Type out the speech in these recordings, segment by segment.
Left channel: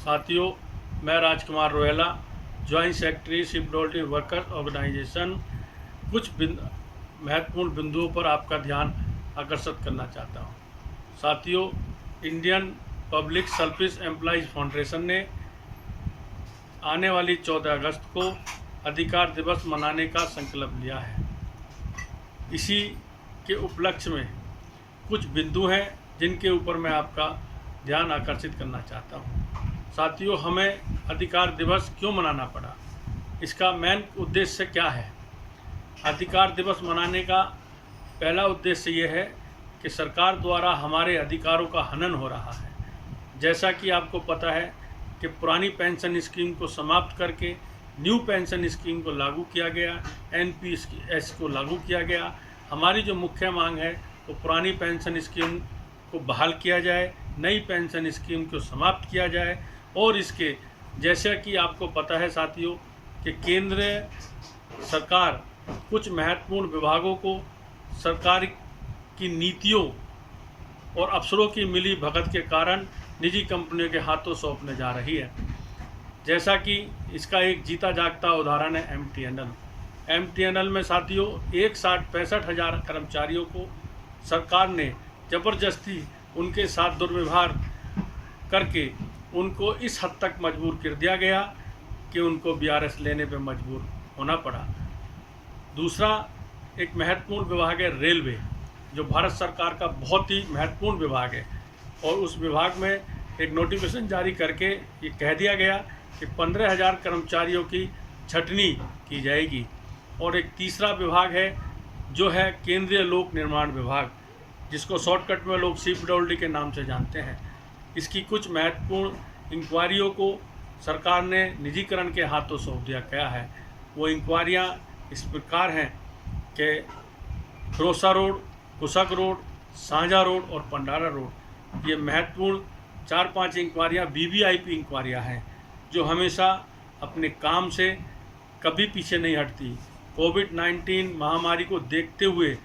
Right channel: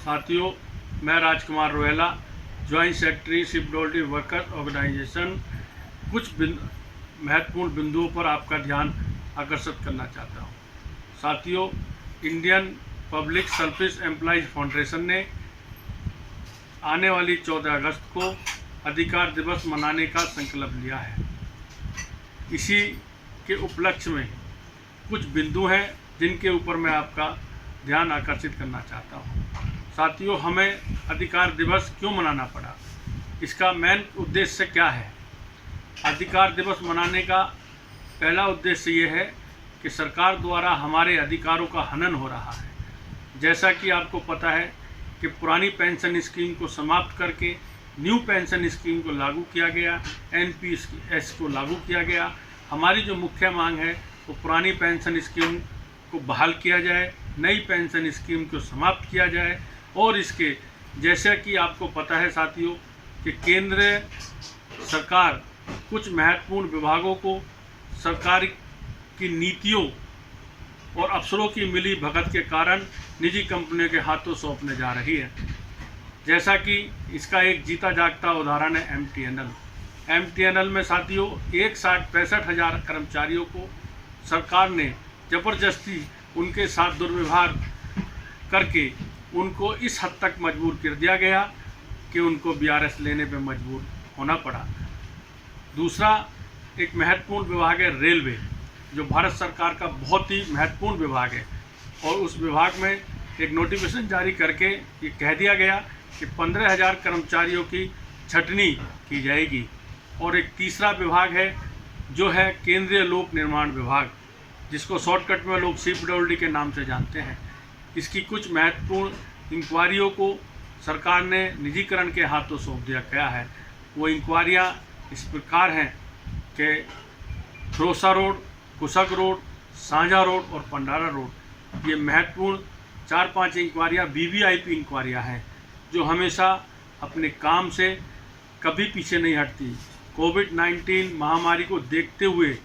साथियों, मैं Rajkumar Rohela, joint secretary shipbuilding workers organisation, कुछ महत्वपूर्ण बिंदुओं पर आपका ध्यान आकर्षित करना चाहता हूं। साथियों, Indian public service employees foundation ने आने वाली 14 अगस्त को अधिकार दिवस मनाने का संकल्प लिया है। इसी के उपलक्ष्य में कुछ बिंदु हैं जिनके ऊपर मैं आपका ध्यान आकर्षित करना चाहता हूं। साथियों, हमें अधिकार दिवस क्यों मनाना पड़ा, इसका मेन उद्देश्य क्या है? अधिकार दिवस मनाने का पहला उद्देश्य ये है कि सरकार द्वारा हमारे अधिकारों का हनन हो रहा है। जैसा कि आपको पता है कि पुरानी पेंशन स्कीम को समाप्त करके न्यू पेंशन स्कीम को लागू किया गया, एनपीएस को लागू किया गया। हमारी जो मुख्य मांग है वो पुरानी पेंशन स्कीम को बहाल किया जाए, नई पेंशन स्कीम को समाप्त किया जाए। और इसके जैसा कि आपको पता है साथियों कि केंद्र सरकार कुछ महत्वपूर्ण विभागों को सरकार की नीतियों और अफसरों की मिली भगत के कारण निजी कंपनियों के हाथों सौंपने जा रही है। जैसा कि इसका एक जीता जागता उदाहरण है एमटीएनएल में साथियों 1,65,000 कर्मचारियों को सरकार ने ज़बरदस्ती उनके साथ दुर्व्यवहार करके उनको इस हद तक मजबूर कर दिया गया कि उनको बीआरएस लेने पे मजबूर होना पड़ा। दूसरा एक महत्वपूर्ण विभाग है रेलवे, जो भारत सरकार का बहुत ही महत्वपूर्ण विभाग है। और उस विभाग में एक नोटिफिकेशन जारी करके ये कह दिया गया कि 15,000 कर्मचारियों की छटनी की जाएगी। और एक तीसरा विभाग है जो है केंद्रीय लोक निर्माण विभाग, जिसको शॉर्टकट में लोग सीपीडब्ल्यूडी के नाम से जानते हैं। इसकी कुछ महत्वपूर्ण इंक्वायरियों को सरकार ने निजीकरण के हाथों सौंप दिया गया है। वो इंक्वायरियाँ इस प्रकार हैं कि फिरोसा रोड, कुशक रोड, सांझा रोड और पंडारा रोड। ये महत्वपूर्ण 4-5 इंक्वायरियाँ वीवीआईपी इंक्वायरियाँ हैं जो हमेशा अपने काम से कभी पीछे नहीं हटती। कोविड-19 महामारी को देखते हुए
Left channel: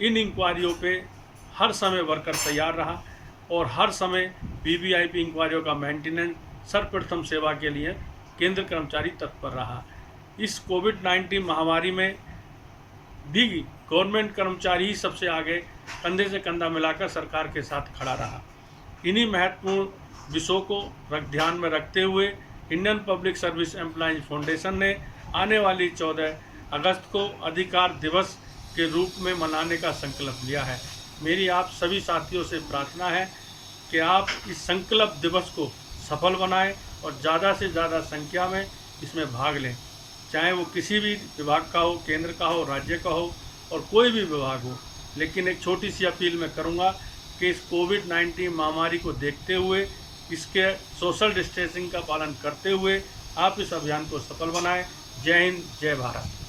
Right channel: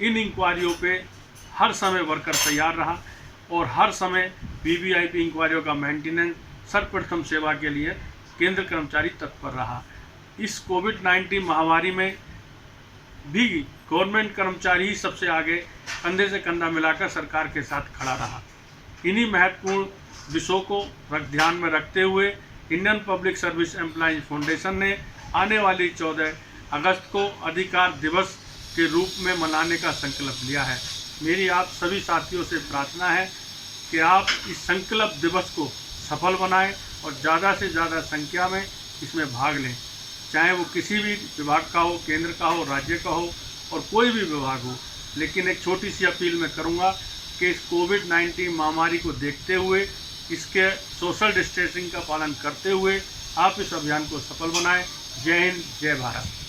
इन इंक्वायरियों पे हर समय वर्कर तैयार रहा और हर समय वीवीआईपी इंक्वायरियों का मेंटेनेंस सर्वप्रथम सेवा के लिए केंद्र कर्मचारी तत्पर रहा। इस कोविड-19 महामारी में भी गवर्नमेंट कर्मचारी ही सबसे आगे कंधे से कंधा मिलाकर सरकार के साथ खड़ा रहा। इन्हीं महत्वपूर्ण विषयों को ध्यान में रखते हुए Indian public service employees foundation ने आने वाली 14 अगस्त को अधिकार दिवस के रूप में मनाने का संकल्प लिया है। मेरी आप सभी साथियों से प्रार्थना है कि आप इस संकल्प दिवस को सफल बनाएं और ज़्यादा से ज़्यादा संख्या में इसमें भाग लें, चाहे वो किसी भी विभाग का हो, केंद्र का हो, राज्य का हो और कोई भी विभाग हो। लेकिन एक छोटी सी अपील मैं करूंगा कि इस कोविड-19 महामारी को देखते हुए, इसके सोशल डिस्टेंसिंग का पालन करते हुए आप इस अभियान को सफल बनाएं। जय हिंद, जय भारत।